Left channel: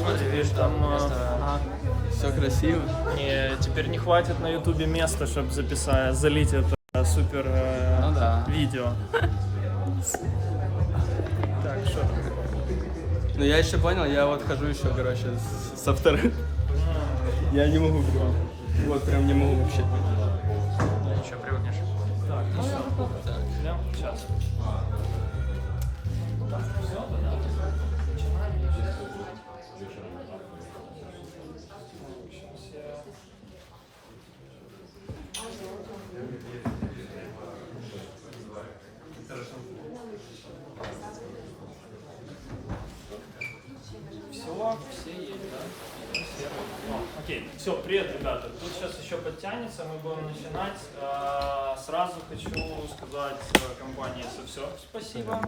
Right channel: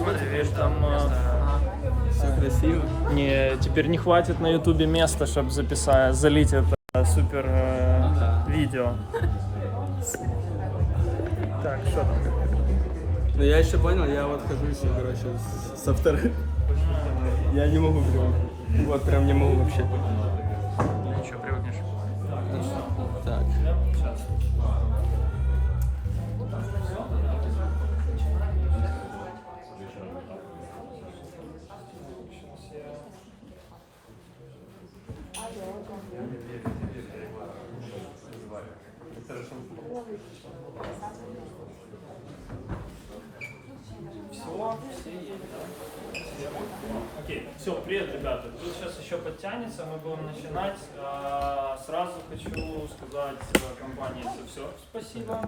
Господи, видишь, там все красиво. не, теперь не хватит на ютубе места, чтобы залить это супер видео. Так, что там? Ну я еще понял, я вот хожу еще, короче, со вторым. Я не могу прям. Вот прям не могу вообще. Еще привыкнешь. Так, ну что? Так, сейчас. Так, все, тогда начинаем. Все есть, да? Окей, все, привет, ребята. Тут сейчас еще подтянется, мы будем начинать. Сразу хочу сказать компании «Все» спасибо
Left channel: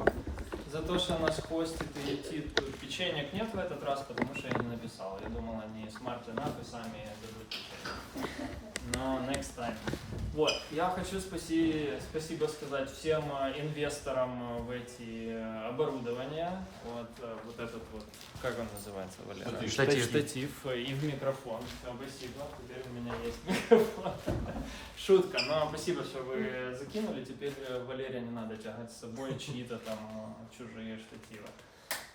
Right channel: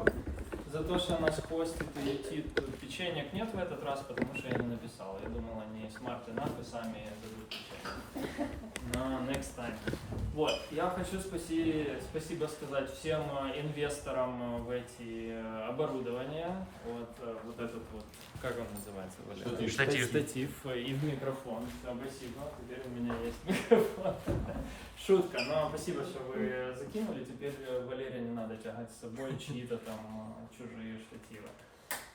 за то, что нас хостит и летит. Тут печенек нет в этот раз, потому что я не написал. Я думал, они smart enough и сами дадут печенье. Но next time. Вот, я хочу спасибо сказать всем инвесторам в эти оборудования. Вот этот вот, как он называется, Валера? Штатив и в микрофон. Все, спасибо, теперь у меня есть микрофон. Шутка, но спасибо, что вы закинули. Теперь Валерия не надо тягать с собой чьи-то там чужие штативы.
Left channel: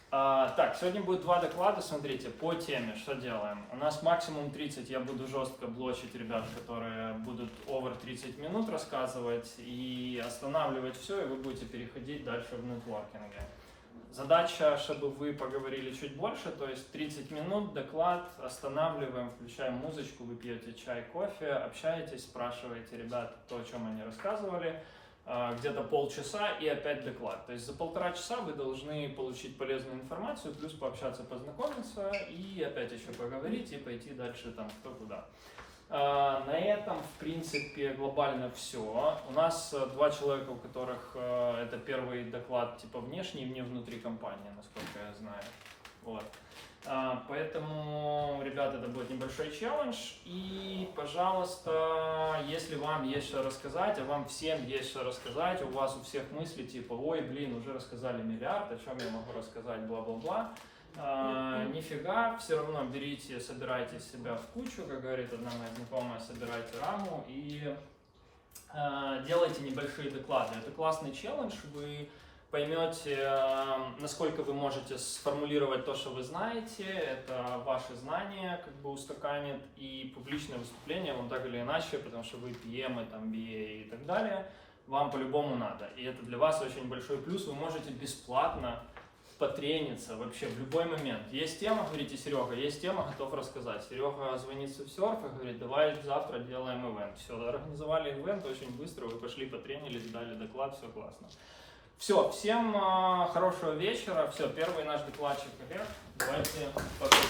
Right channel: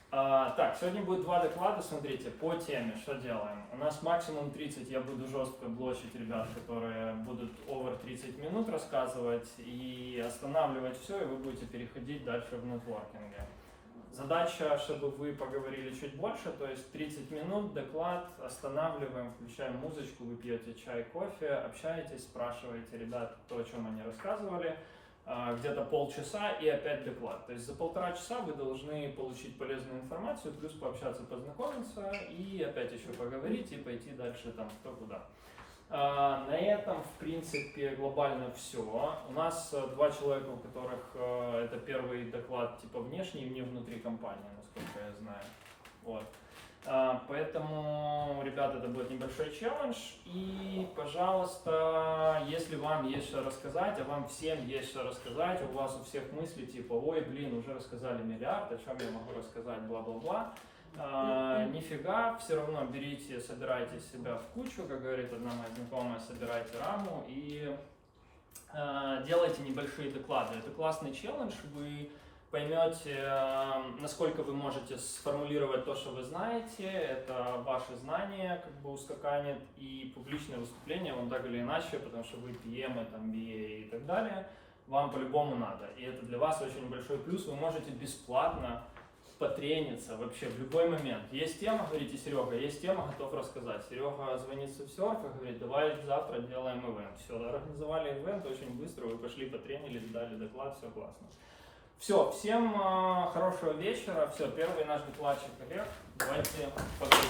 Так, сегодня будет два доклада, смотрите, по теме, что делаем. У нас максимум 30, я буду жестко блочить ребят, которые будут over 30 минут рассказывать и останавливать все, и вы будете переходить дальше в нетворкинге. Задача, чтобы вы поговорили чуть больше, то есть 30 минут, доклад, останавливаем, включаем музычку, вы пьете чай, кофе, общаетесь, спрашиваете ребят то, о чем они рассказывали. Где-то полчаса и опять доклад. То есть за 1,5 часа вы должны получить полезную информацию, плюс пообщаться, познакомиться и опять еще поговорить и пойти дальше там кто куда. На этом, в принципе, глобально все. У нас 2 человека, у которых это первый доклад типа внешний, не внутри компании, насколько я знаю. Вот. Поэтому, ребята, это будет небольшой челлендж. И, пожалуйста, если вам есть что рассказать, а вам всем есть что рассказать, у вас у всех мысли типа, ой, блин, уже рассказали миллиард, о чем я могу рассказать, бла-бла-бла. Нифига, все равно берите, собирайте себя в кучу, как говорит одна моя знакомая, собирайте раму и делайте небольшие доклады. Это классный челлендж, вы поймете, насколько вы можете сформулировать то, что вы знаете, это ваши знания как бы устаканит, и публичное выступление вам так или иначе, потому что вы PM, там, BA и так далее, вам по-любому надо. И это для вас очень большой плюс, вы можете бесплатно потрениться вообще в любой момент. Есть тема, говорите, Серега, есть тема, готов рассказать. Серега звонит с серфа, говорит, давай завтра делаем ивент. Все, организовали ивент очень быстро, вы пошли потренились, дали доклад, все классно. Все, всем хорошего вечера. Все, первый наш докладчик Олег. Давайте поговорим.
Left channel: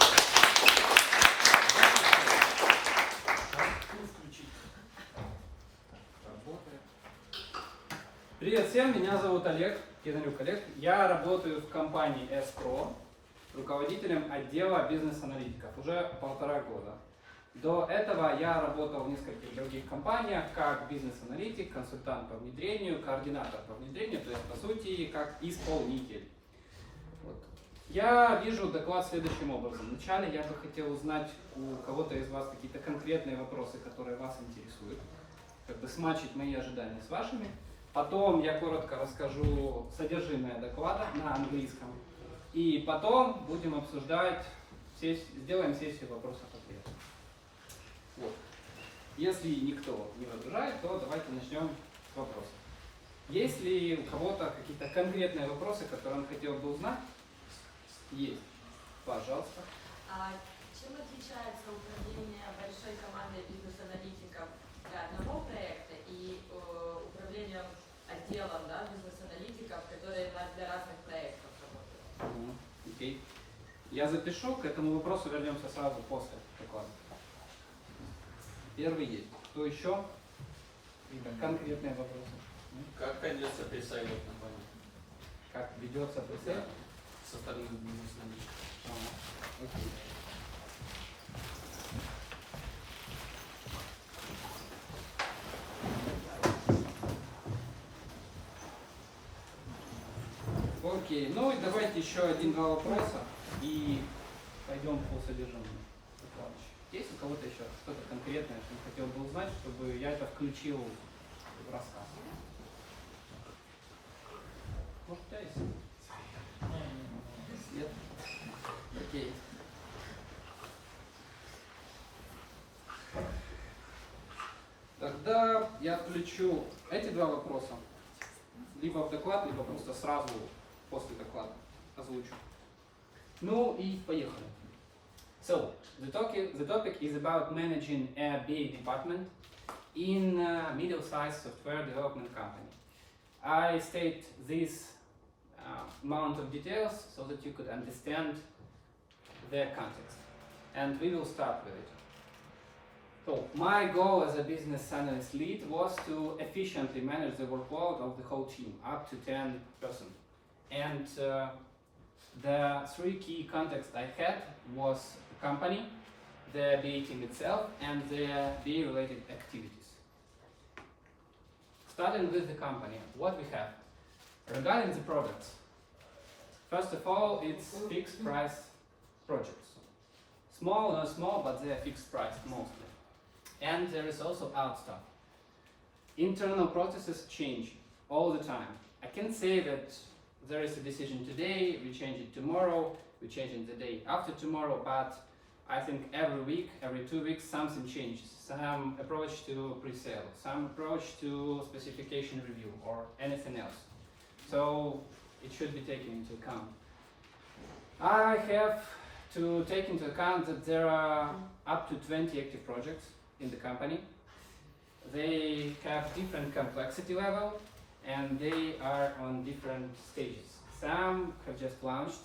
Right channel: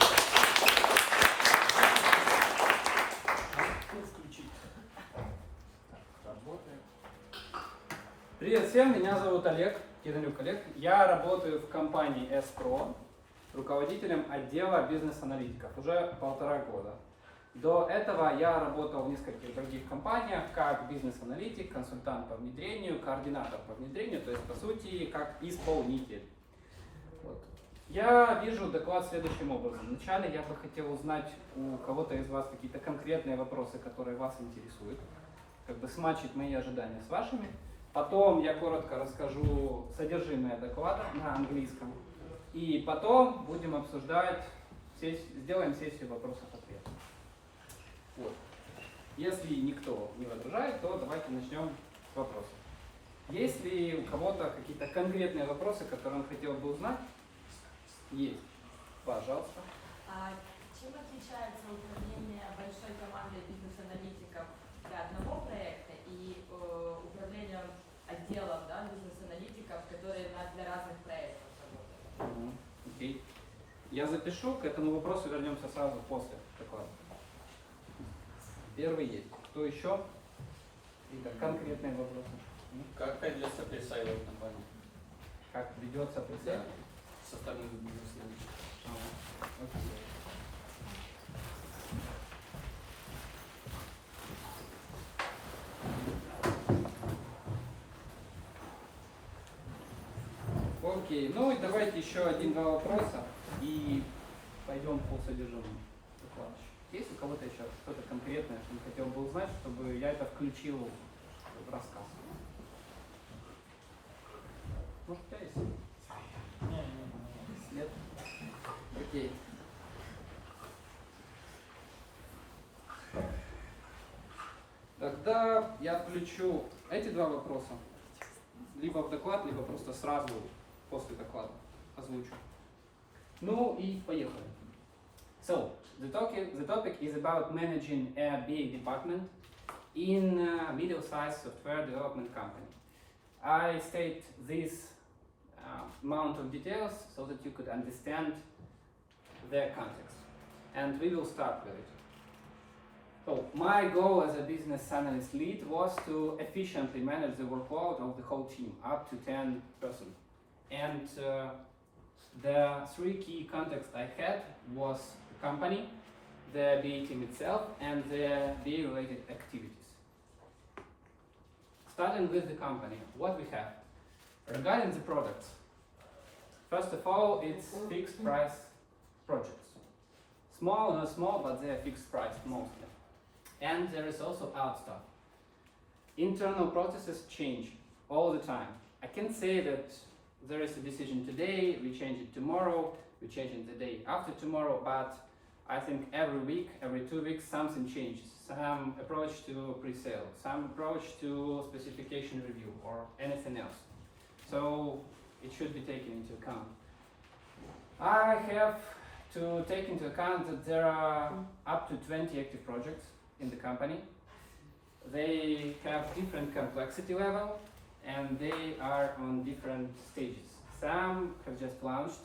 Привет всем, меня зовут Олег, Олег. Я работаю в компании S-Pro, руководителем отдела бизнес-аналитиков уже 1,5 года. До этого я работал в нескольких других компаниях, как бизнес-аналитик, консультант по внедрению, координатор по внедрению, то есть по сути как исполнитель. Вот. Я вижу доклад следующим образом. Вначале я бы хотел узнать у кого-то из вас какие-то конкретные вопросы, которые вас интересуют, как бы смачить мои ожидания с вашими. Потом я коротко расскажу содержимое доклада на английском. И потом будем обсуждать, сделаем сессию вопросов-ответов. Вот. Если никто не возражает, то давайте начнем с вопросов. Есть ли у кого-то какие-то конкретные вопросы, которые он хотел бы узнать? Есть. Пожалуйста. Чем отличается управление большой командой бизнес-аналитиков для одного проекта и управление отделом, да, бизнес-аналитиков, которые для разных проектов работают? Окей. Я запишу, к этому вопросу вернемся сразу после доклада. Первый есть. Кто еще? Какие-то конкретные вопросы? Как ведется пресейл в компании? Как ведется пресейл? Со стороны бизнеса. Окей. Окей, ну и давайте еще 1-2 вопроса. И пойдем по содержанию. Есть у кого-то еще что-то конкретное, что хотел бы узнать, чтобы я это включил в рассказ? Может, у тебя есть? Нет? Окей. Тогда я включу эти два вопроса либо в доклад, либо просто сразу после доклада озвучу. Ну и поехали. So, the topic is about managing a BA department in a middle-sized software development company. I state this amount of details so that you could understand the context. And we will start with it. So, my goal as a business analyst lead was to efficiently manage the workload of the whole team, up to 10 person. And the three key contexts I had was the company, the BA team itself, and the BA related activities. Starting with the company, what we have. Regarding the products, first of all, it's fixed price projects. Small, not small, but they are fixed price mostly. And there is also out stuff. Internal processes change all the time. I can say that there is a decision today, we change it tomorrow, we change it the day after tomorrow, but I think every week, every 2 weeks, something changes. Some approach to pre-sale, some approach to specification review, or anything else. So it should be taken into account. I have to take into account that there are up to 20 active projects in the company. They have different complexity level and they are on different stages. Some have just launched,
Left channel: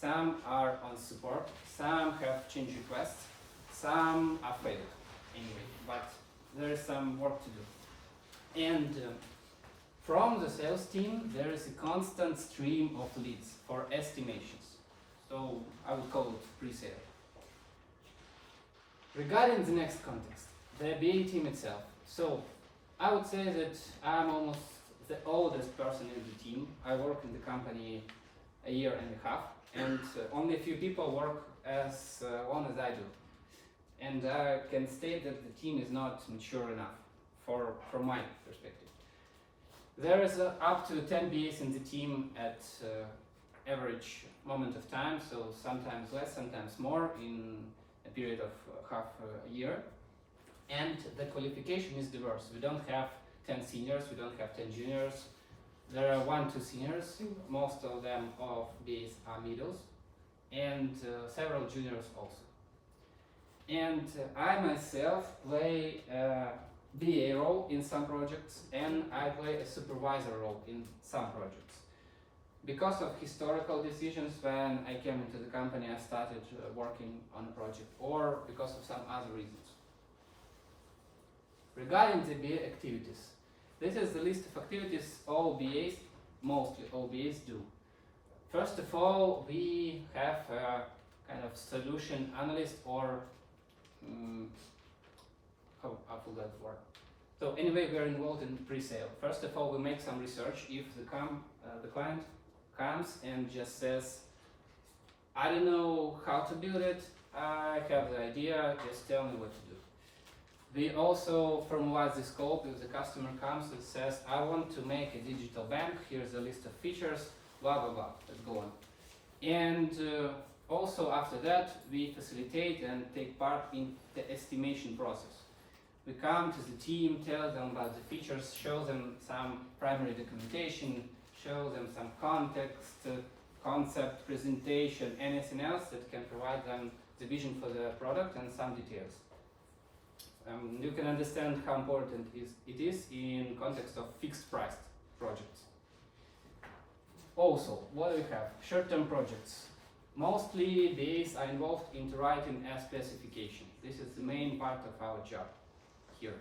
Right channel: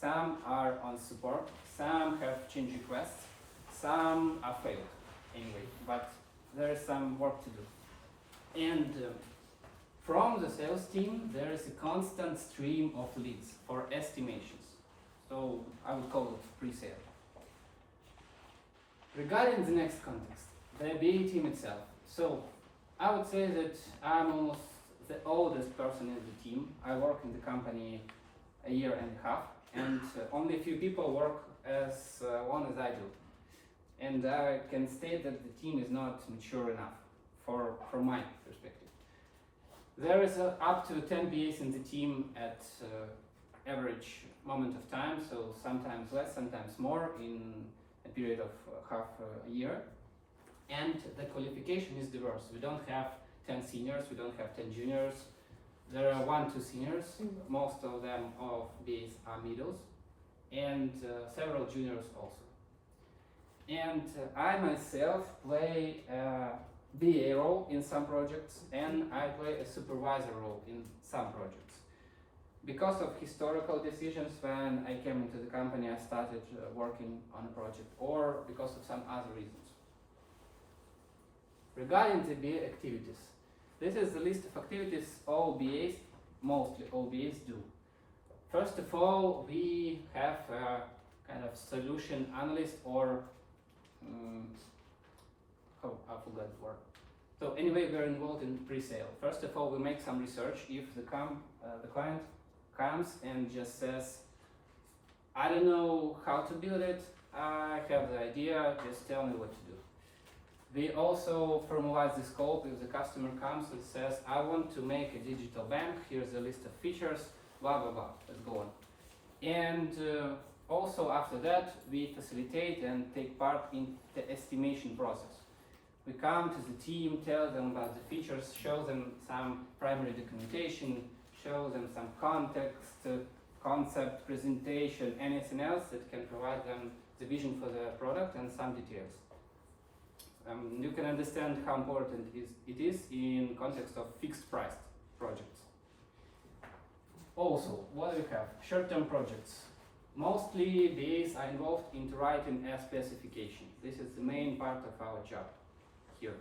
some are on support, some have change requests, some are failed anyway, but there is some work to do. And from the sales team, there is a constant stream of leads for estimations. So I would call it pre-sale. Regarding the next context, the BA team itself. So I would say that I'm almost the oldest person in the team. I work in the company a year and a half, and only a few people work as long as I do. And I can state that the team is not mature enough from my perspective. There is up to 10 BAs in the team at average moment of time, so sometimes less, sometimes more in a period of half a year. And the qualification is diverse. We don't have 10 seniors, we don't have 10 juniors. There are 1-2 seniors, most of them of BAs are middles, and several juniors also. And I myself play a BA role in some projects, and I play a supervisor role in some projects. Because of historical decisions, when I came into the company, I started working on a project, or because of some other reasons. Regarding the BA activities, this is the list of activities all BAs, mostly all BAs do. First of all, we have a kind of solution analyst, or I forgot the word. So anyway, we're involved in pre-sale. First of all, we make some research. If the client comes and just says, I don't know how to build it, I have the idea, just tell me what to do. We also formalize the scope. If the customer comes and says, I want to make a digital bank, here's a list of features, blah, blah, blah, let's go on. And also after that, we facilitate and take part in the estimation process. We come to the team, tell them about the features, show them some primary documentation, show them some context, concept, presentation, anything else that can provide them the vision for the product and some details. You can understand how important it is in context of fixed price projects. Also, what do we have? Short-term projects. Mostly BAs are involved in writing a specification. This is the main part of our job here.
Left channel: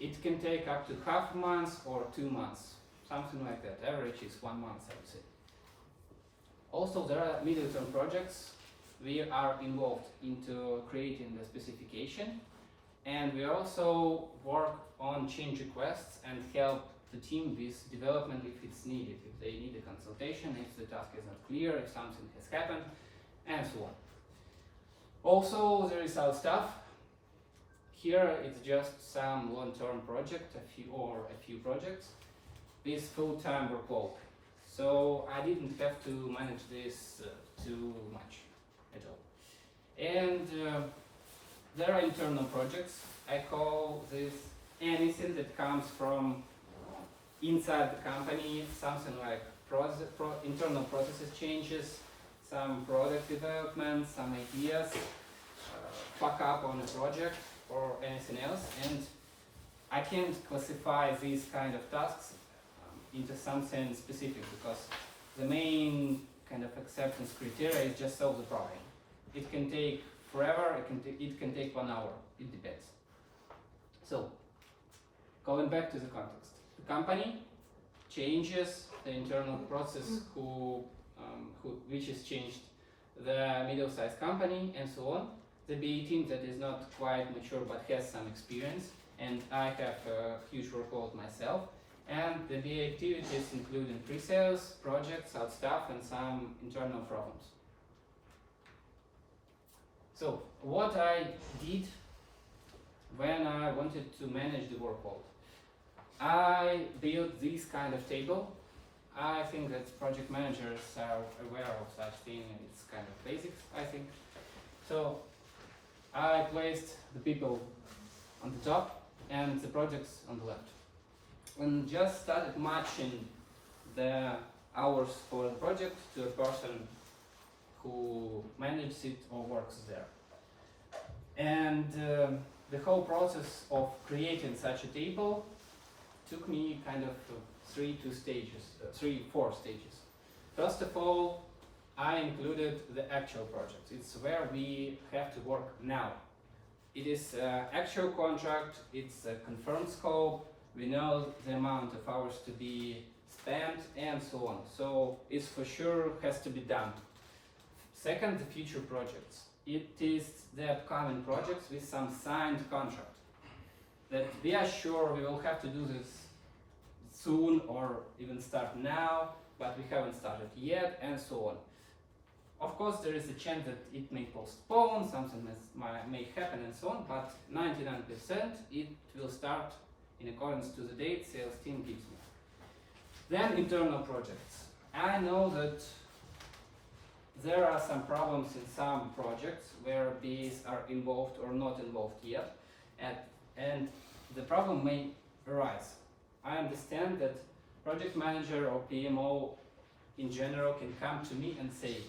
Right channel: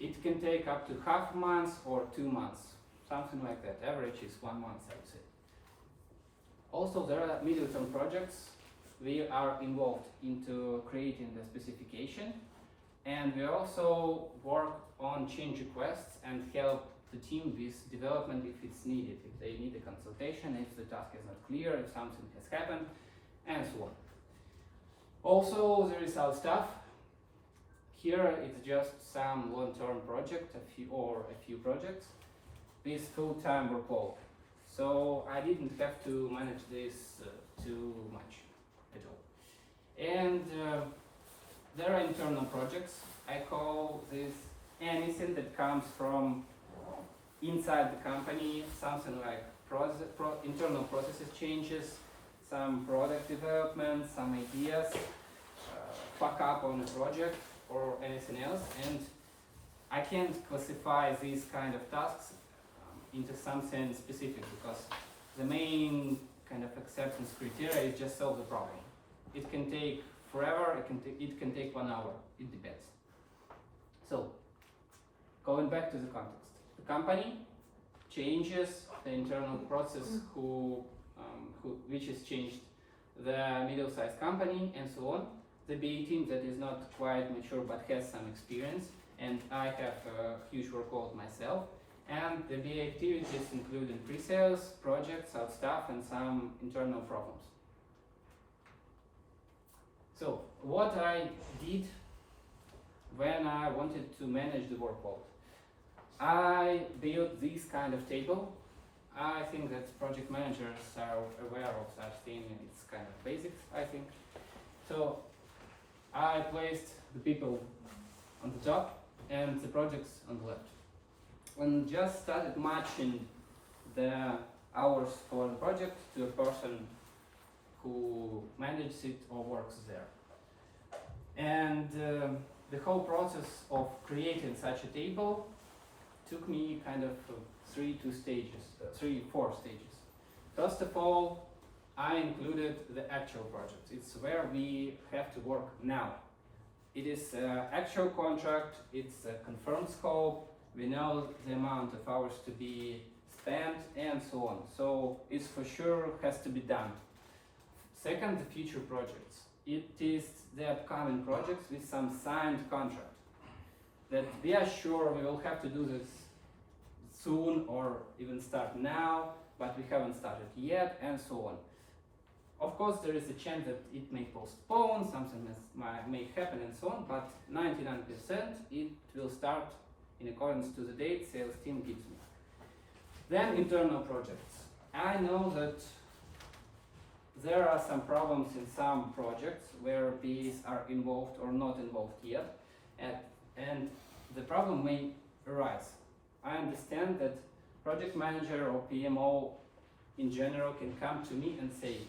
It can take up to half a month or 2 months, something like that. Average is 1 month, I would say. Also, there are middle-term projects. We are involved into creating the specification, and we also work on change requests and help the team with development if it's needed, if they need a consultation, if the task is not clear, if something has happened, and so on. Also, there is our stuff. Here it's just some long-term project, a few projects with full-time workload. So I didn't have to manage this too much at all. And there are internal projects. I call this anything that comes from inside the company, something like internal processes changes, some product development, some ideas, fuck up on a project or anything else. And I can't classify these kind of tasks into something specific because the main kind of acceptance criteria is just solve the problem. It can take forever, it can take 1 hour, it depends. So, going back to the context. The company changes the internal process which is changed, the middle-sized company and so on. The BA team that is not quite mature but has some experience, and I have a huge workload myself. And the BA activities including pre-sales, projects, out stuff, and some internal problems. So, what I did when I wanted to manage the workload, I built this kind of table. I think that project managers are aware of such thing, and it's kind of basics, I think. So, I placed the people on the top and the projects on the left. When just started matching the hours for the project to a person who manages it or works there. And the whole process of creating such a table took me kind of 4 stages. First of all, I included the actual project. It's where we have to work now. It is actual contract, it's a confirmed scope, we know the amount of hours to be spent and so on. So it's for sure has to be done. Second, the future projects. It is the upcoming projects with some signed contract that we are sure we will have to do this soon or even start now, but we haven't started yet and so on. Of course, there is a chance that it may postpone, something may happen and so on, but 99% it will start in accordance to the date sales team gives me. Then internal projects. I know that there are some problems in some projects where these are involved or not involved yet, and the problem may arise. I understand that project manager or PMO in general can come to me and say,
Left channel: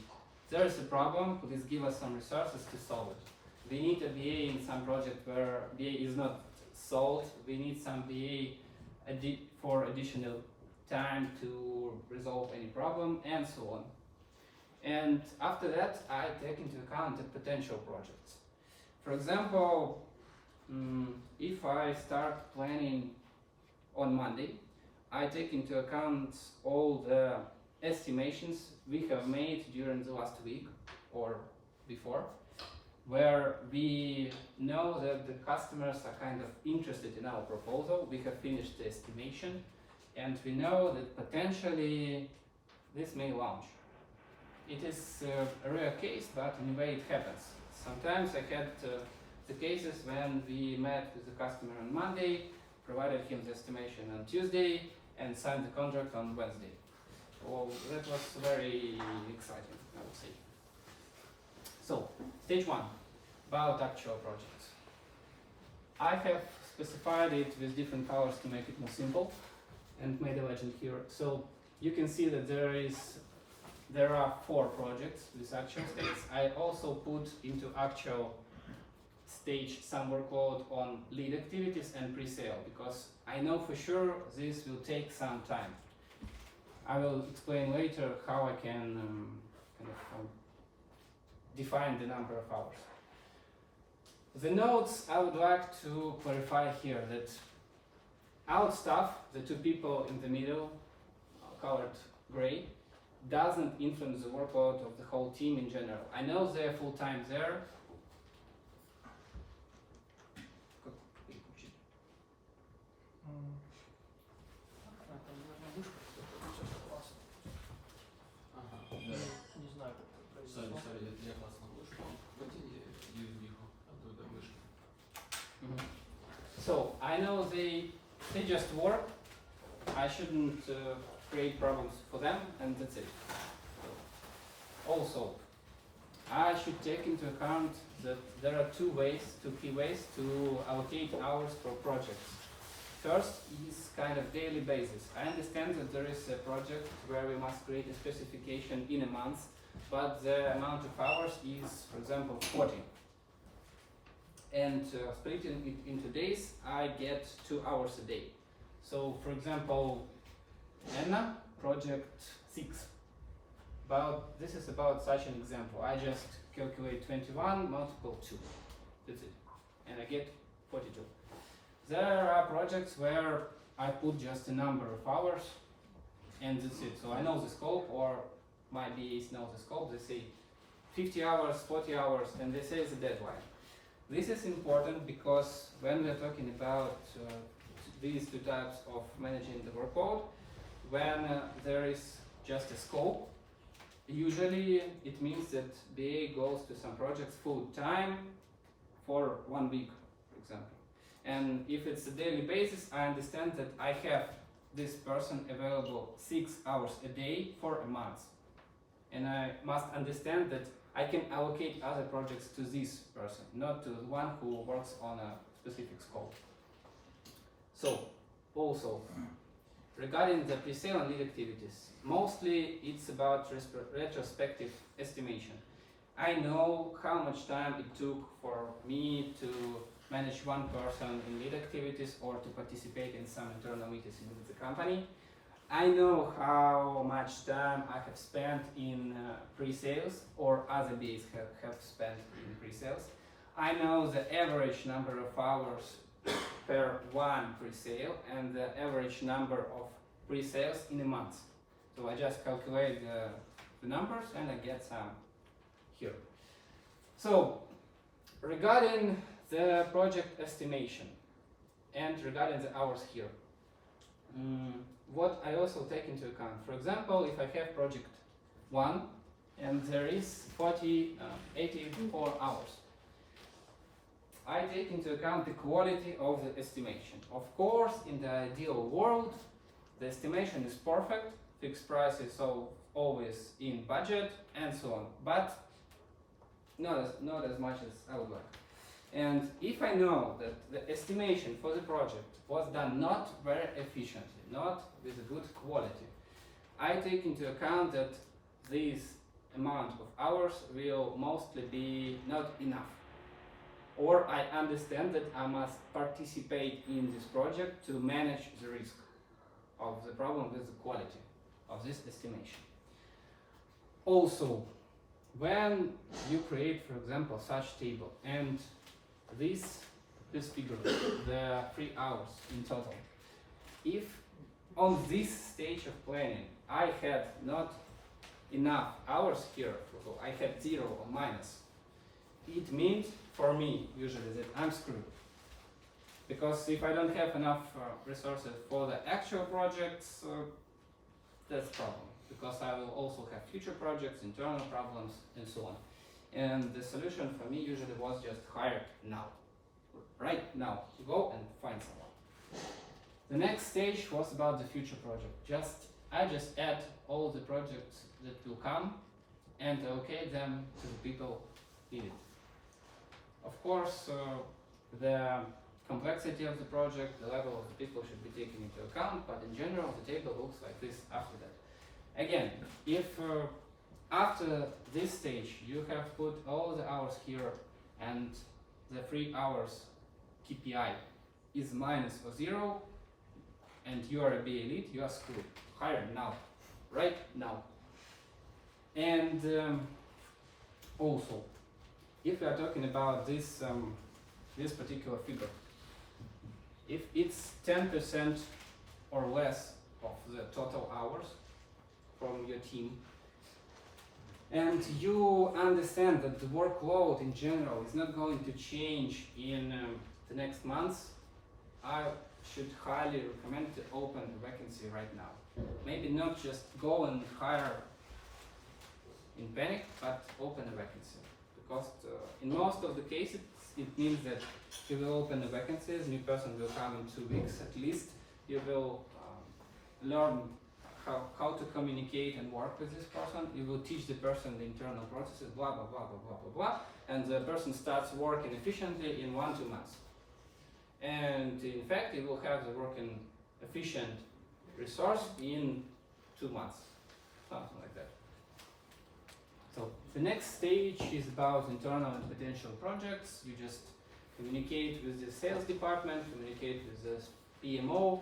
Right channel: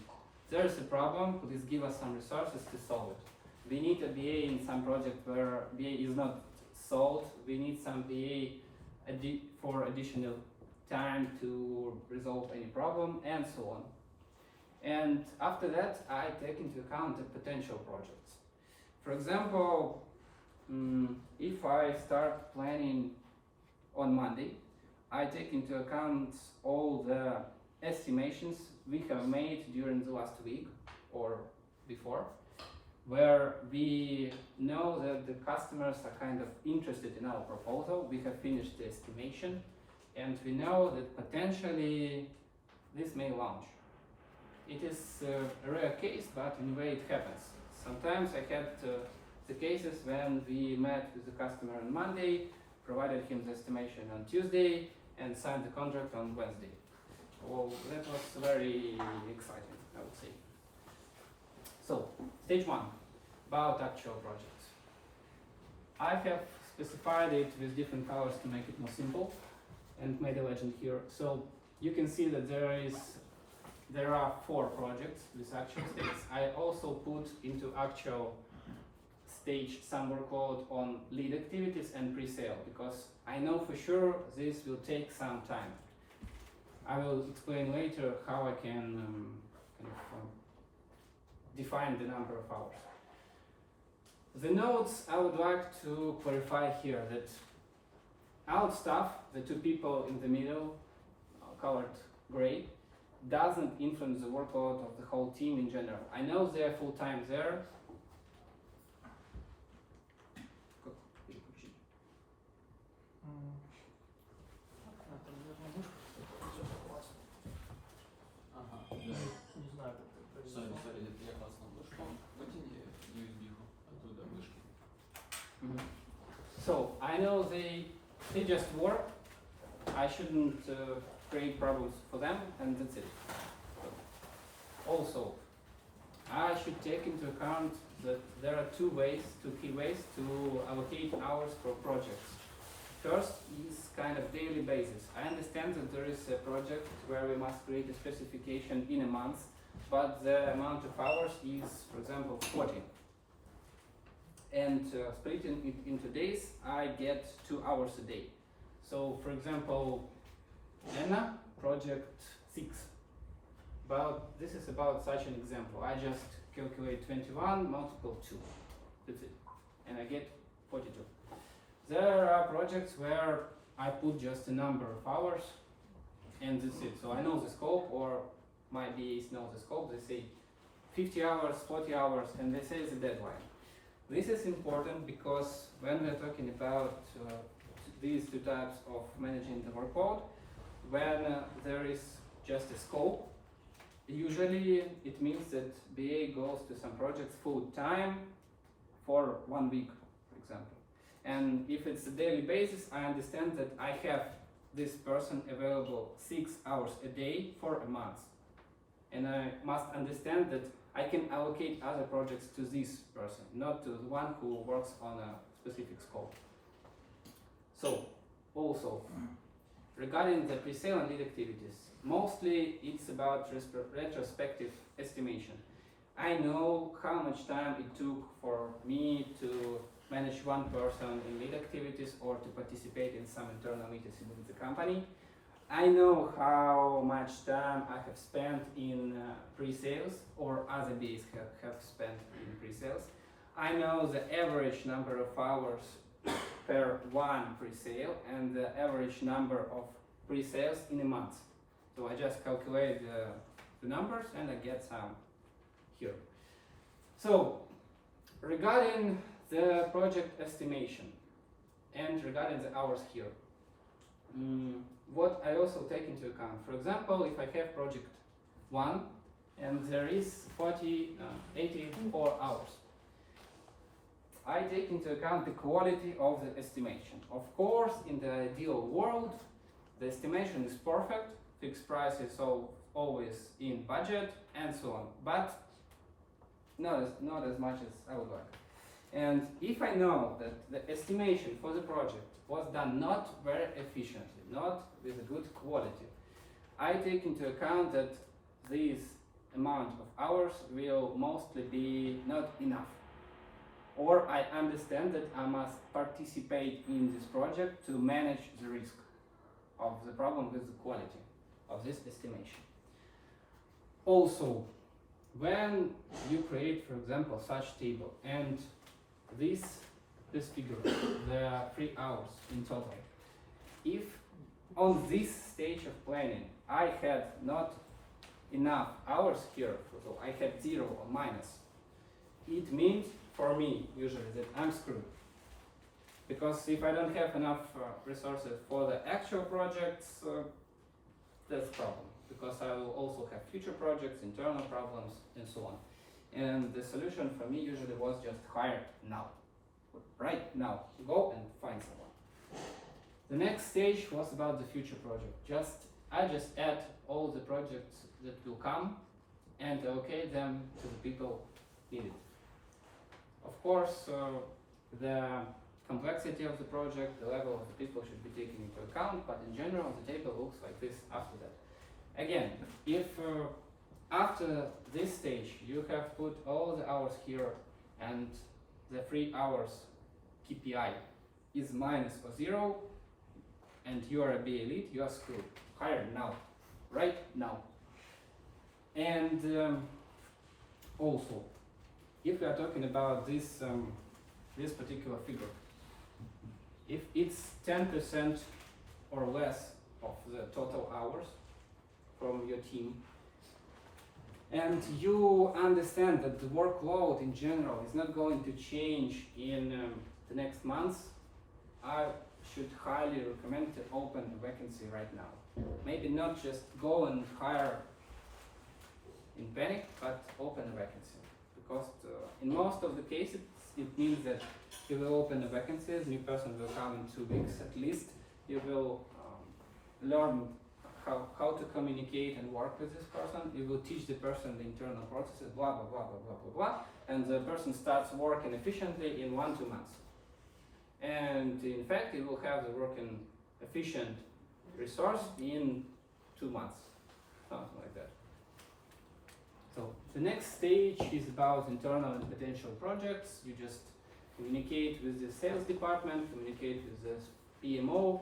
there is a problem, please give us some resources to solve it. We need a BA in some project where BA is not solved, we need some BA for additional time to resolve any problem and so on. And after that, I take into account the potential projects. For example, if I start planning on Monday, I take into account all the estimations we have made during the last week or before, where we know that the customers are kind of interested in our proposal. We have finished the estimation, and we know that potentially this may launch. It is a rare case, but in a way it happens. Sometimes I had the cases when we met with the customer on Monday, provided him the estimation on Tuesday, and signed the contract on Wednesday. Well, that was very exciting, I would say. So, stage 1, about actual projects. I have specified it with different colors to make it more simple, and made a legend here. So, you can see that there are 4 projects with actual states. I also put into actual stage some workload on lead activities and pre-sale, because I know for sure this will take some time. I will explain later how I can define the number of hours. The notes I would like to clarify here that out staff, the 2 people in the middle, colored gray, doesn't influence the workload of the whole team in general. I know they're full-time there. Не знаю, как это произошло. Я классно вышел. So I know they just work. I shouldn't create problems for them, and that's it. Also, I should take into account that there are two key ways to allocate hours for projects. First is kind of daily basis. I understand that there is a project where we must create a specification in a month, but the amount of hours is, for example, 40. And splitting it into days, I get 2 hours a day. So, for example, Anna, project 6. This is about such an example. I just calculate 21 multiple 2. That's it. And I get 42. There are projects where I put just a number of hours and that's it. So I know the scope, or my BAs know the scope. They say 50 hours, 40 hours, and they say the deadline. This is important because when we're talking about these two types of managing the workload, when there is just a scope, usually it means that BA goes to some projects full time for 1 week, for example. And if it's a daily basis, I understand that I have this person available 6 hours a day for a month. And I must understand that I can allocate other projects to this person, not to the one who works on a specific scope. So, also, regarding the pre-sale and lead activities, mostly it's about retrospective estimation. I know how much time it took for me to manage one person in lead activities or to participate in some internal meetings within the company. I know how much time I have spent in pre-sales or other BAs have spent in pre-sales. I know the average number of hours per one pre-sale and the average number of pre-sales in a month. So I just calculate the numbers and I get some here. So regarding the project estimation and regarding the hours here, what I also take into account, for example, if I have project 1 and there is 84 hours, I take into account the quality of the estimation. Of course, in the ideal world, the estimation is perfect, fixed price is always in budget and so on, but not as much as I would like. And if I know that the estimation for the project was done not very efficiently, not with a good quality, I take into account that this amount of hours will mostly be not enough. Or I understand that I must participate in this project to manage the risk of the problem with the quality of this estimation. Also, when you create, for example, such table and this figure, the 3 hours in total, if on this stage of planning I had not enough hours here, so I had 0 or minus, it means for me usually that I'm screwed. Because if I don't have enough resources for the actual projects, that's a problem. Because I will also have future projects, internal problems, and so on. And the solution for me usually was just hire now. Right now, go and find someone. The next stage was about the future project. I just add all the projects that will come and allocate them to the people needed. Of course, the complexity of the project, the level of the people should be taken into account, but in general the table looks like this after that. Again, if after this stage you have put all the hours here and the 3 hours KPI is minus or 0 and you are a BA lead, you are screwed. Hire now, right now. And also, if we are talking about this this particular figure, if it's 10% or less of the total hours from your team, and you understand that the workload in general is not going to change in the next months, I should highly recommend to open a vacancy right now. Maybe not just go and hire in panic, but open a vacancy, because in most of the cases, it means that you will open the vacancies, new person will come in 2 weeks at least. You will learn how to communicate and work with this person. You will teach the person the internal processes, blah, blah, blah, blah, blah, blah, blah. And the person starts working efficiently in 1-2 months. And in fact, you will have the working efficient resource in 2 months, something like that. So the next stage is about internal and potential projects. You just communicate with the sales department, communicate with the PMO,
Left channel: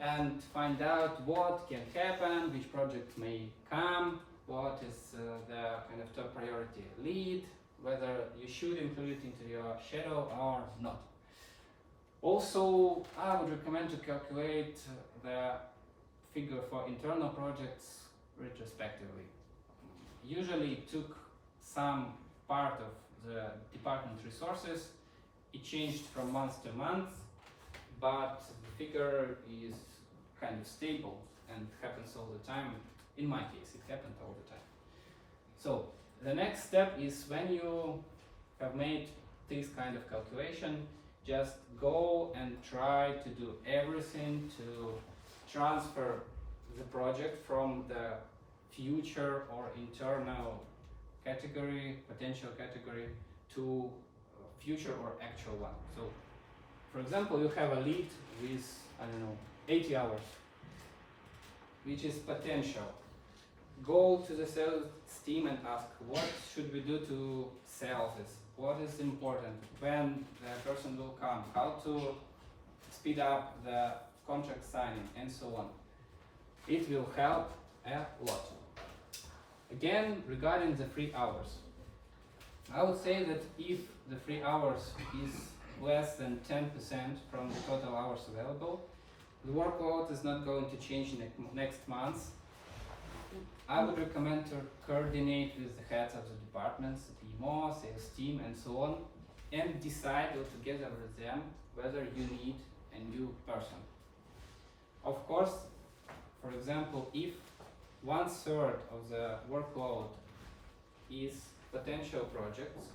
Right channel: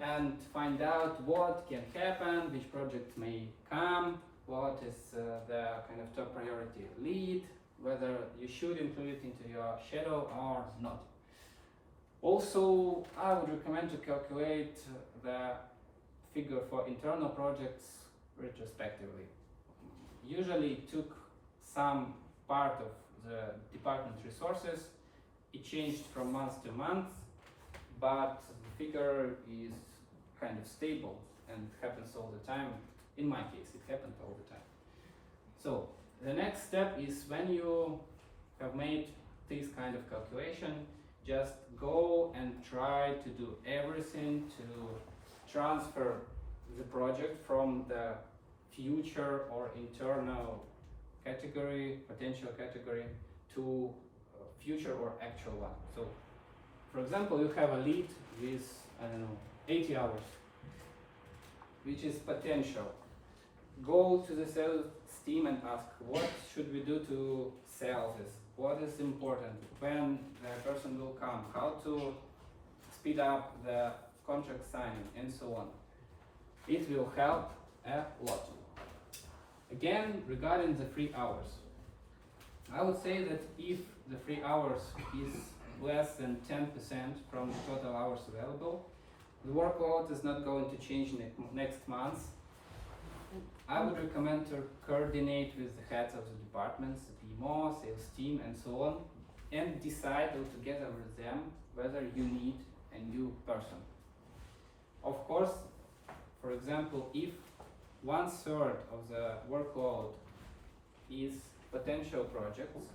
and find out what can happen, which project may come, what is the kind of top priority lead, whether you should include it into your schedule or not. Also, I would recommend to calculate the figure for internal projects retrospectively. Usually it took some part of the department resources. It changed from month to month, but the figure is kind of stable and happens all the time. In my case, it happened all the time. So the next step is when you have made this kind of calculation, just go and try to do everything to transfer the project from the future or internal category, potential category, to future or actual one. So, for example, you have a lead with, I don't know, 80 hours, which is potential. Go to the sales team and ask, what should we do to sell this? What is important? When the person will come? How to speed up the contract signing and so on. It will help a lot. Again, regarding the free hours, I would say that if the free hours is less than 10% from the total hours available, the workload is not going to change next month. I would recommend to coordinate with the heads of the departments, the PMO, sales team, and so on, and decide together with them whether you need a new person. Of course, for example, if 1/3 of the workload is potential projects,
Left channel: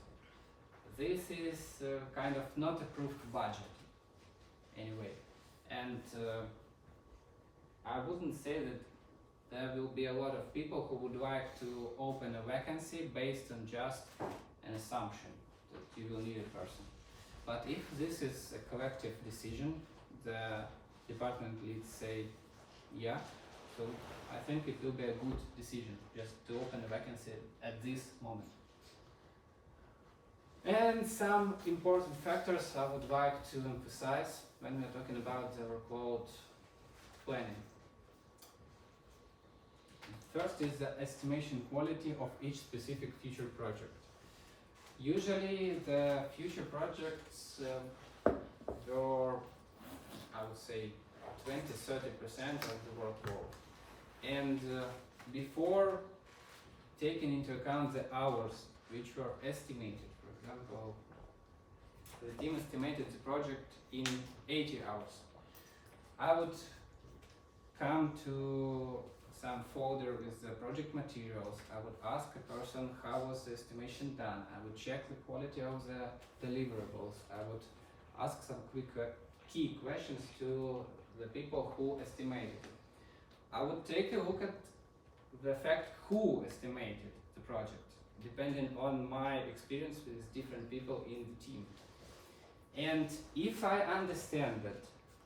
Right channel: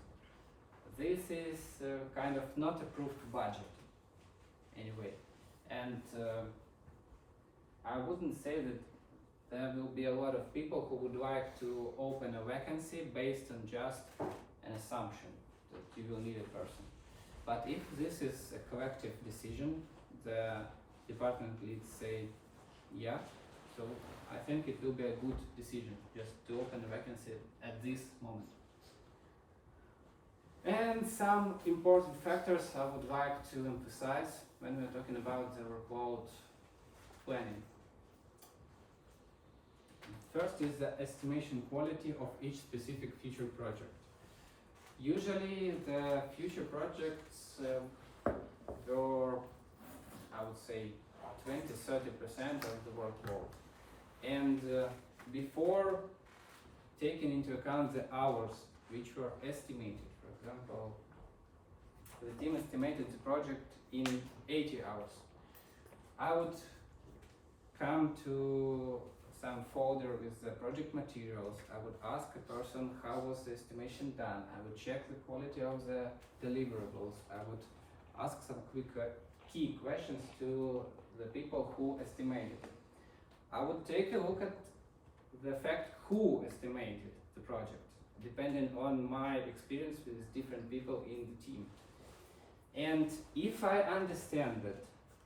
this is kind of not approved budget anyway. And I wouldn't say that there will be a lot of people who would like to open a vacancy based on just an assumption that you will need a person. But if this is a collective decision, the department leads say, yeah, so I think it will be a good decision just to open a vacancy at this moment. And some important factors I would like to emphasize when we're talking about the workload planning. First is the estimation quality of each specific future project. Usually the future projects are, I would say, 20-30% of the workload. And before taking into account the hours which were estimated, for example, the team estimated the project in 80 hours, I would come to some folder with the project materials. I would ask a person how was the estimation done. I would check the quality of the deliverables. I would ask some quick key questions to the people who estimated. I would take a look at the fact who estimated the project, depending on my experience with different people in the team. And if I understand that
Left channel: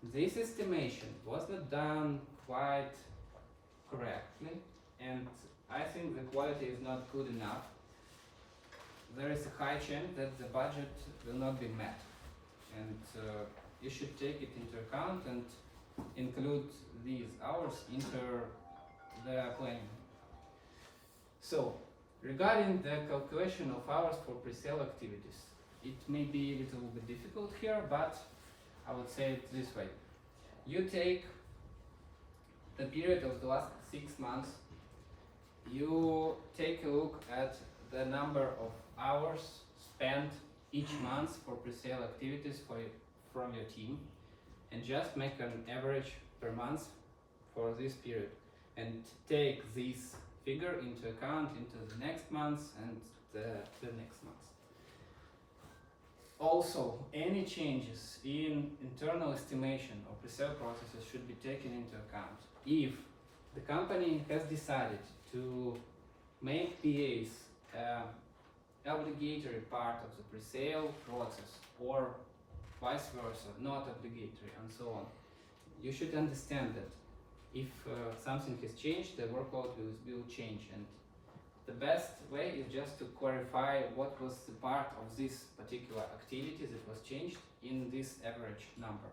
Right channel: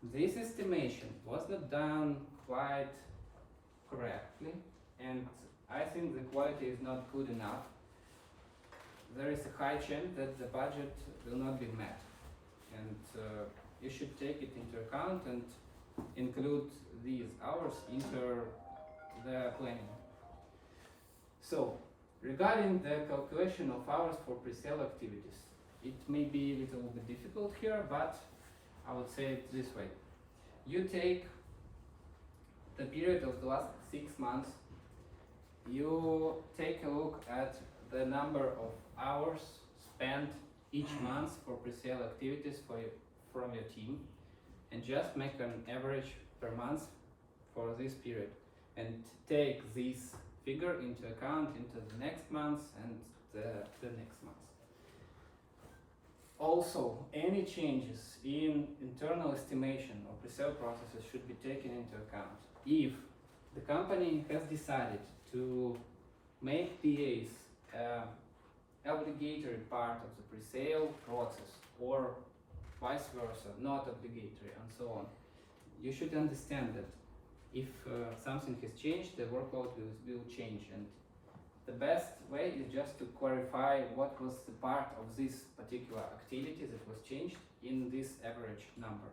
this estimation was not done quite correctly, and I think the quality is not good enough, there is a high chance that the budget will not be met. And you should take it into account and include these hours into the planning. So, regarding the calculation of hours for pre-sale activities, it may be a little bit difficult here, but I would say it this way. You take the period of the last 6 months, you take a look at the number of hours spent each month for pre-sale activities from your team, and just make an average per month for this period, and take this figure into account into the next month and the next month. Also, any changes in internal estimation or pre-sale processes should be taken into account. If the company has decided to make PAs obligatory part of the pre-sale process, or vice versa, not obligatory, and so on, you should understand that if something has changed, the workload will change, and the best way is just to clarify what was the part of this particular activity that was changed in this average number.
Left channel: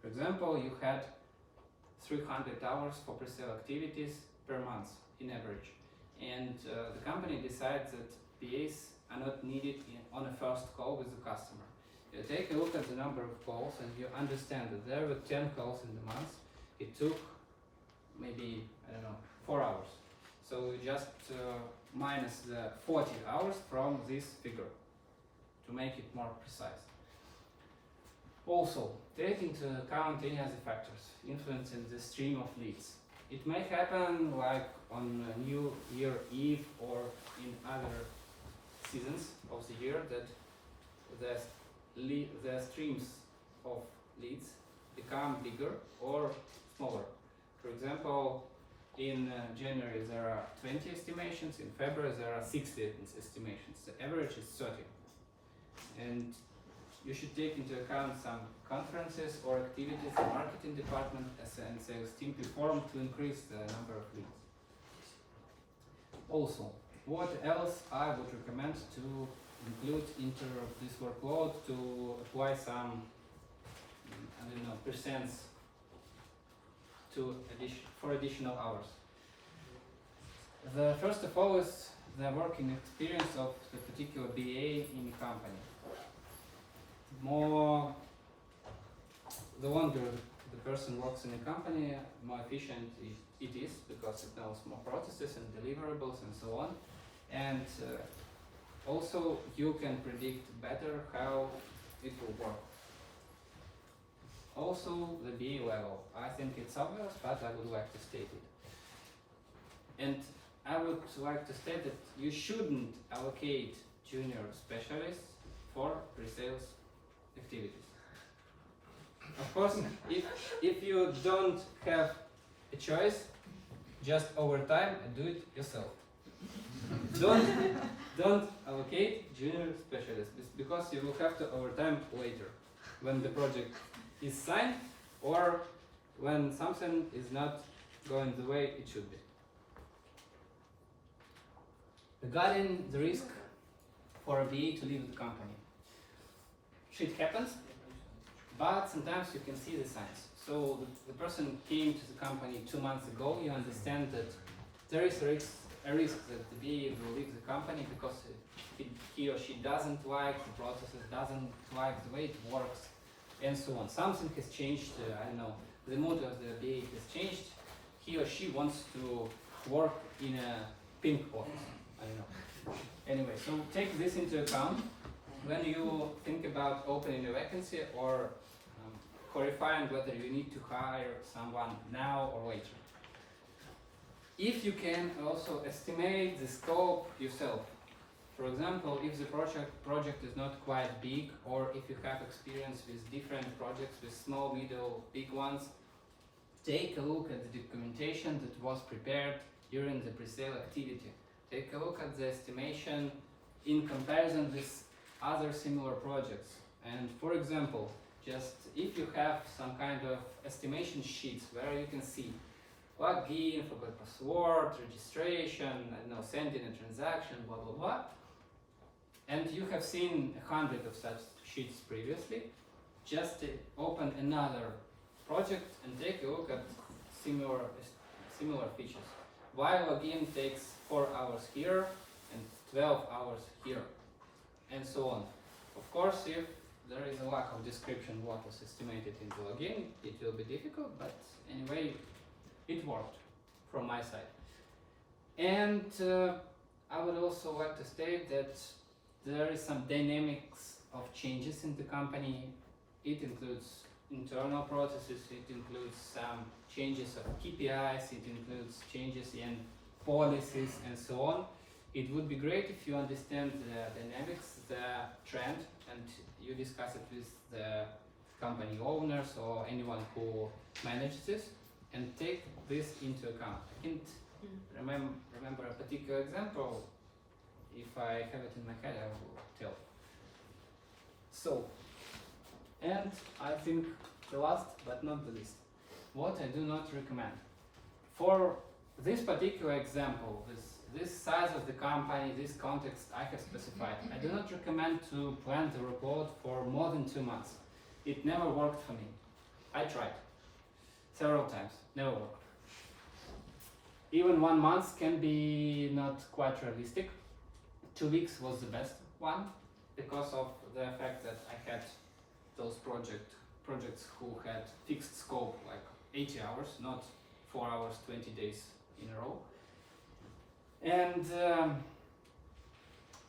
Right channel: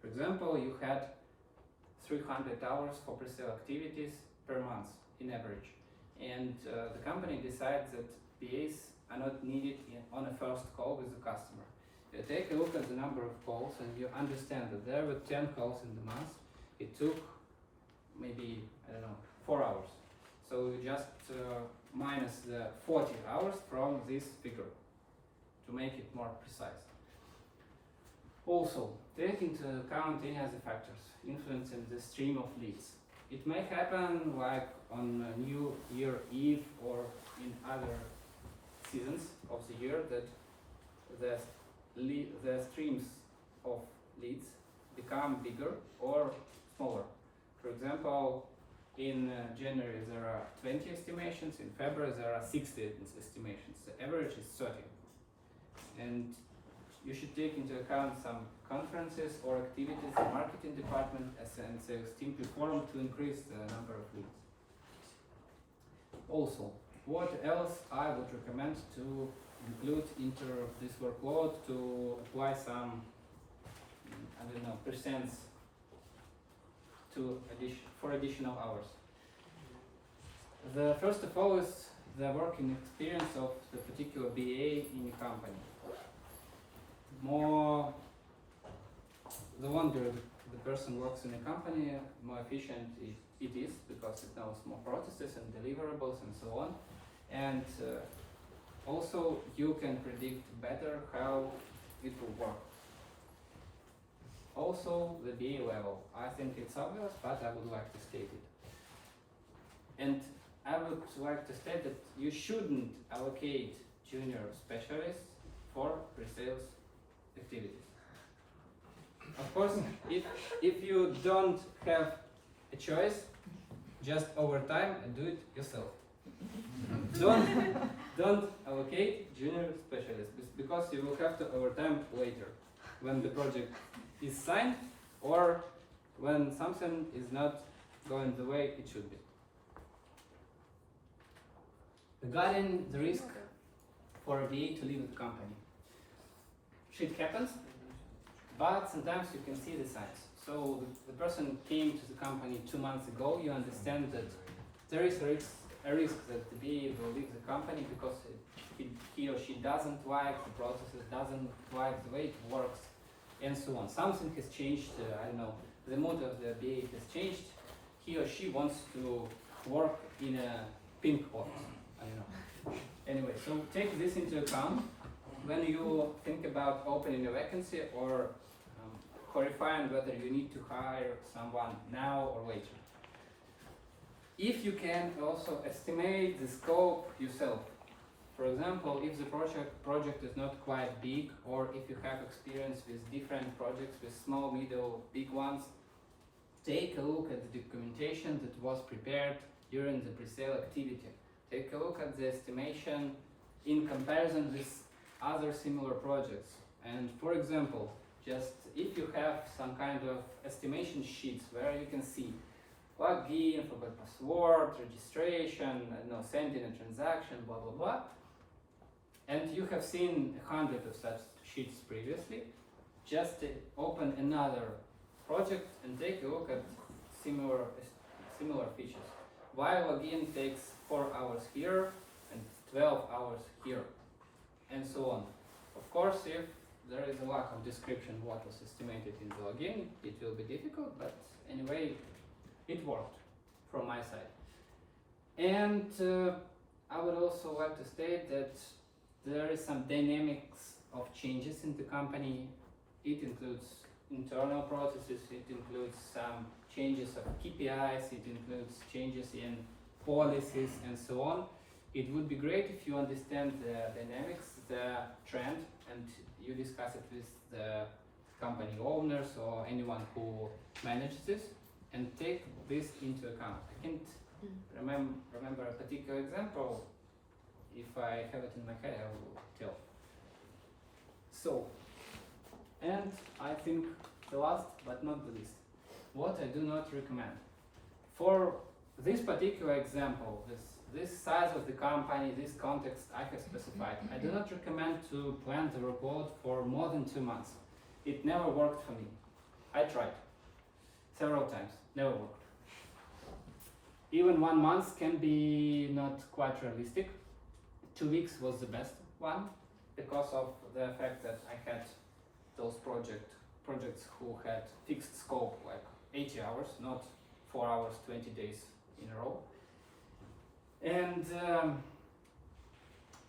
For example, you had 300 hours for pre-sale activities per month in average, and the company decides that PAs are not needed on a first call with the customer. You take a look at the number of calls and you understand that there were 10 calls in the month. It took maybe, I don't know, 4 hours. So you just minus the 40 hours from this figure to make it more precise. Also, take into account any other factors influencing the stream of leads. It may happen like on New Year Eve or in other seasons of the year that the streams of leads become bigger or smaller. For example, in January there are 20 estimations, in February there are 60 estimations. The average is 30. And you should take into account some conferences or activities the marketing department and sales team perform to increase the number of leads. Also, what else I would recommend to include into this workload, to apply some, I don't know, percents to for additional hours. The first of all is the working experience of the particular BA in a company. The longer the person works in a company, more efficient it is, because it knows more processes and deliverables and so on. And also you can predict better how it will work. Also the BA level. I think it's obvious, but I would like to state it. And I would like to state that you shouldn't allocate junior specialists for pre-sales activities. Of course, if you don't have a choice, just overtime and do it yourself. Don't allocate junior specialists, because you will have to overtime later when the project is signed or when something is not going the way it should be. Regarding the risk for a BA to leave the company. Shit happens, but sometimes you can see the signs. So the person came to the company 2 months ago, you understand that there is a risk that the BA will leave the company because he or she doesn't like the processes, doesn't like the way it works, and so on. Something has changed, I don't know, the mood of the BA has changed. He or she wants to work in a pink office, I don't know. Anyway, so take this into account when you think about opening a vacancy or clarifying whether you need to hire someone now or later. If you can also estimate the scope yourself. For example, if the project is not quite big, or if you have experience with different projects, with small, middle, big ones, take a look at the documentation that was prepared during the pre-sale activity. Take a look at the estimation in comparison with other similar projects. And for example, just if you have some kind of estimation sheets where you can see login, forgot password, registration, I don't know, sending a transaction, blah, blah, blah, and you have seen 100 of such sheets previously, just open another project and take a look at similar features. Why login takes 4 hours here and 12 hours here, and so on. Of course, if there is a lack of description what was estimated in the login, it will be difficult, but anyway, it worked from my side. And I would also like to state that there is some dynamics of changes in the company. It includes internal processes, it includes some changes of KPIs, it includes changes in policies and so on. it would be great if you understand the dynamics, the trend, and you discuss it with the company owners or anyone who manages this, and take this into account. I can't remember a particular example. If I have it in my head, I will tell. So, and I think the last but not the least, what I do not recommend. For this particular example, this size of the company, this context I have specified, I do not recommend to plan the workload for more than 2 months. It never worked for me. I tried several times, never worked. Even 1 month can be not quite realistic. 2 weeks was the best one because of the fact that I had those projects who had fixed scope, like 80 hours, not 4 hours, 20 days in a row. And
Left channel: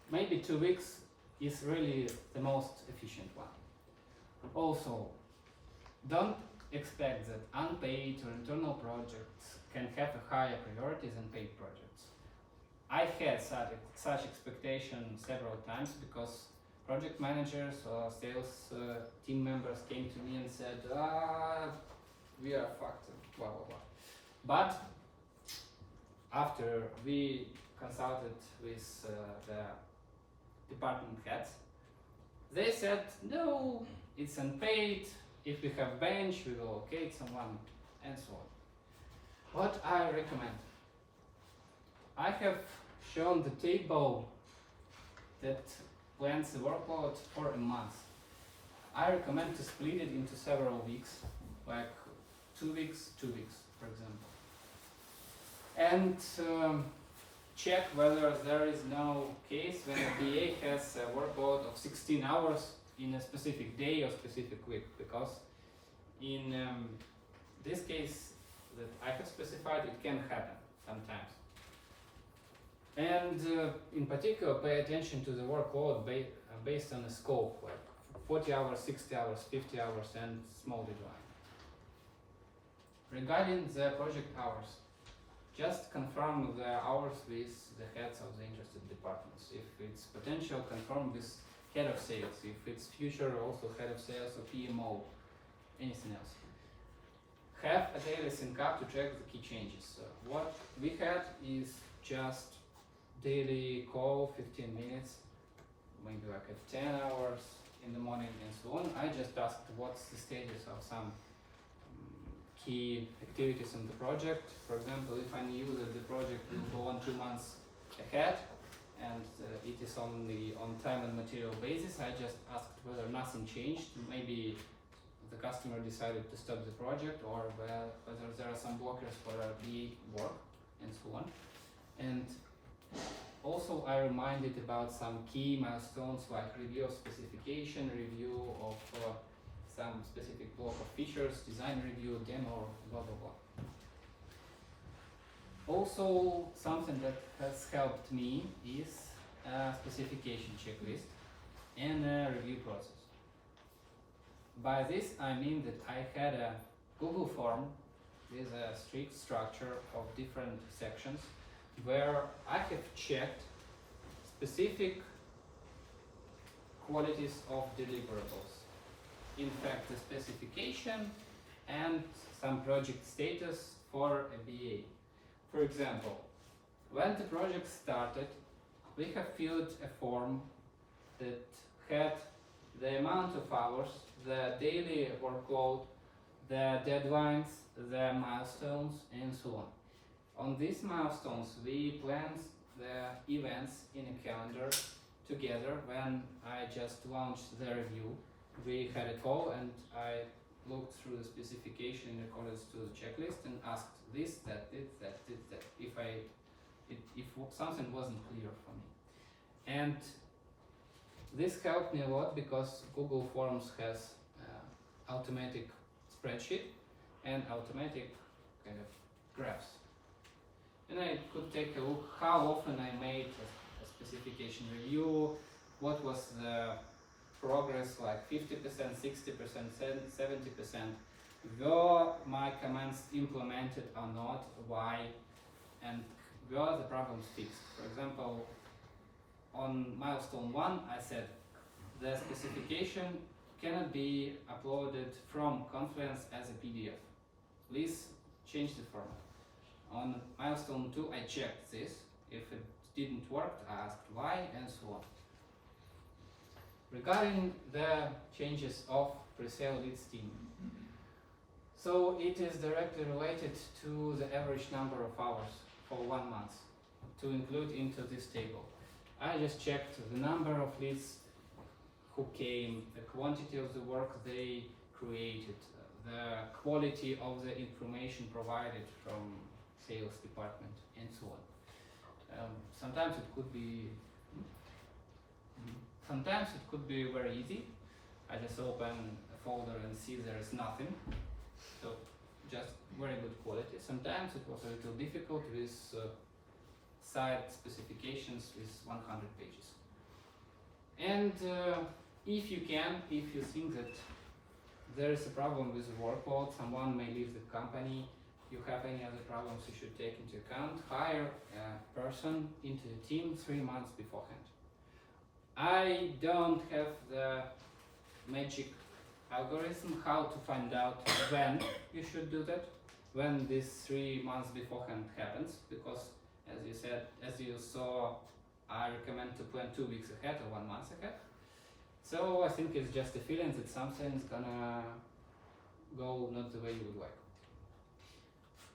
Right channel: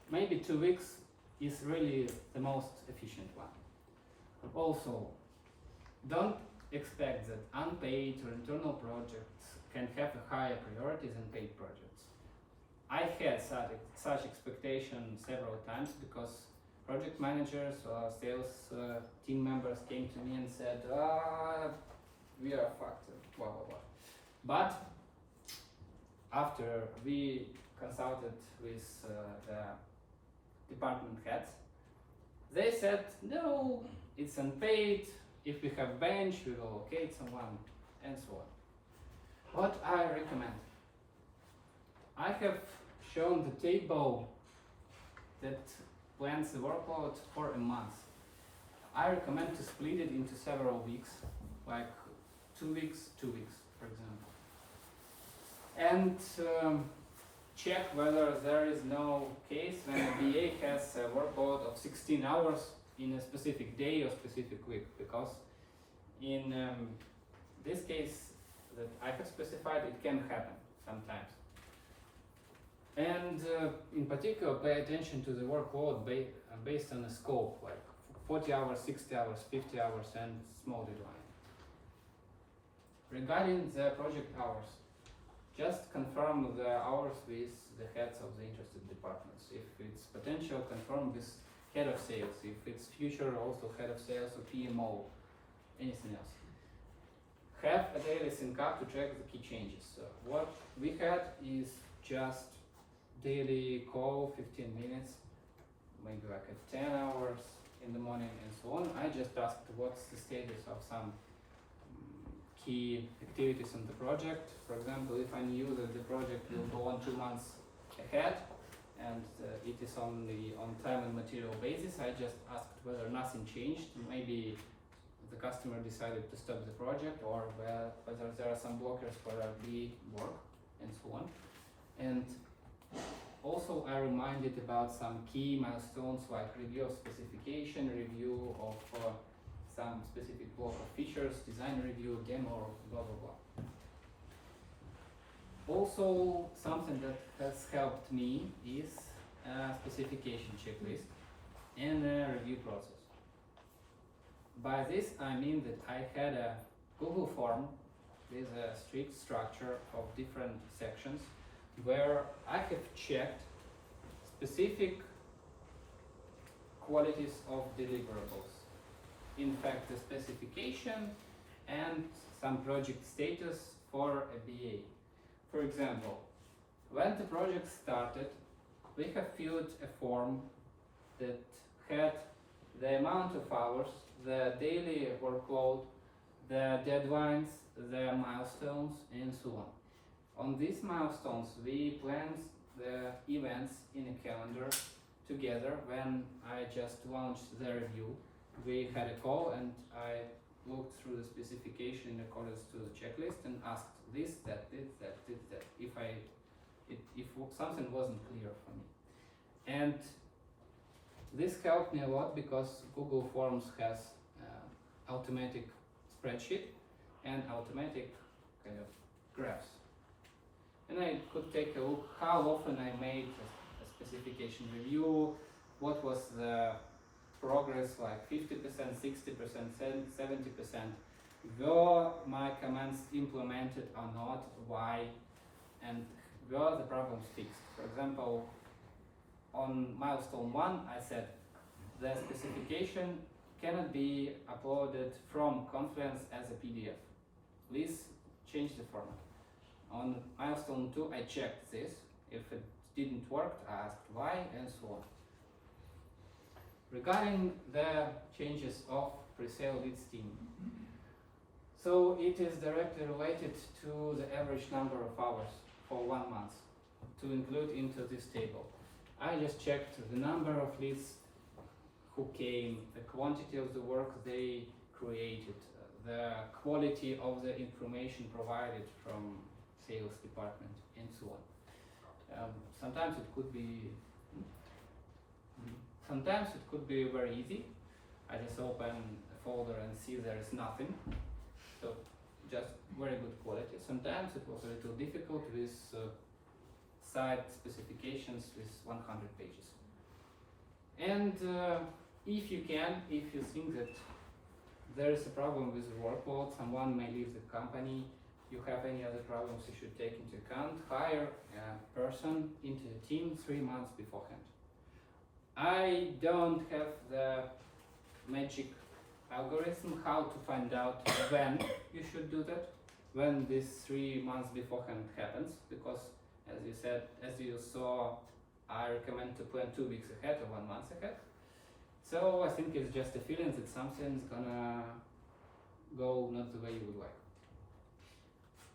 maybe 2 weeks is really the most efficient one. Also, don't expect that unpaid or internal projects can have a higher priority than paid projects. I had such expectation several times because project managers or sales team members came to me and said, we are fucked, blah, blah, blah. But after we consulted with the department heads, they said, no, it's unpaid. If we have bench, we will locate someone, and so on. What I recommend? I have shown the table that plans the workload for a month. I recommend to split it into several weeks, like 2 weeks, 2 weeks, for example. And check whether there is no case when a BA has a workload of 16 hours in a specific day or specific week, because in this case that I have specified, it can happen sometimes. And in particular, pay attention to the workload based on the scope, like 40 hours, 60 hours, 50 hours, and small deadline. Regarding the project hours, just confirm the hours with the heads of the interested departments. If it's potential, confirm with head of sales. If it's future, also head of sales or PMO, anything else. Have a daily sync up to track the key changes. So what we had is just daily call, 15 minutes, maybe like at 10 hours in the morning and so on. I just asked what's the status of some key activities on the project. For example, if I knew that the project will go on 2 months ahead and it is only on time and material basis, I just asked whether nothing changed. Maybe the customer decided to stop the project, or whether there are some blockers for the work and so on. And also I reminded about some key milestones like review of specification, review of some specific block of features, design review, demo, blah blah blah. Also, something that has helped me is a specification checklist and a review process. By this I mean that I had a Google form with a strict structure of different sections where I have checked specific qualities of deliverables. In fact, the specification and some project status for a BA. For example, when the project started, we have filled a form that had the amount of hours, the daily workload, the deadlines, the milestones, and so on. On these milestones, we planned the events in a calendar together. When I just launched the review, we had a call and I looked through the specification in accordance to the checklist and asked this, that, if something wasn't clear for me. And this helped me a lot because Google Forms has automatic spreadsheet and automatic kind of graphs. And I could take a look how often I made a specification review, what was the progress, like 50%, 60%, 70%, were my commands implemented or not, why, and were the problems fixed. For example, on milestone 1, I said the specification cannot be uploaded from Confluence as a PDF. Please change the format. On milestone 2, I checked this. If it didn't work, I asked why, and so on. Regarding the changes of pre-sale leads team, so it is directly related to the average number of hours for 1 month to include into this table. I just checked the number of leads who came, the quantity of the work they created, the quality of the information provided from sales department, and so on. Sometimes it could be very easy. I just open a folder and see there is nothing. So just very good quality. Sometimes it was a little difficult with site specifications with 100 pages. And if you think that there is a problem with the workload, someone may leave the company, you have any other problems you should take into account, hire a person into the team 3 months beforehand. I don't have the magic algorithm how to find out when you should do that, when this 3 months beforehand happens, because as you saw, I recommend to plan 2 weeks ahead or 1 month ahead. So I think it's just a feeling that something's gonna go not the way you would like.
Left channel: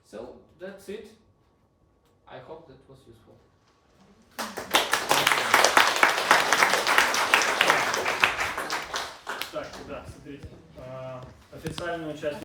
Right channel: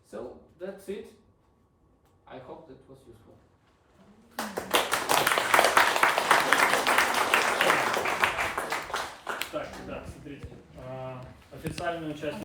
So that's it. I hope that was useful. Так, ребят, смотрите. Официальный участник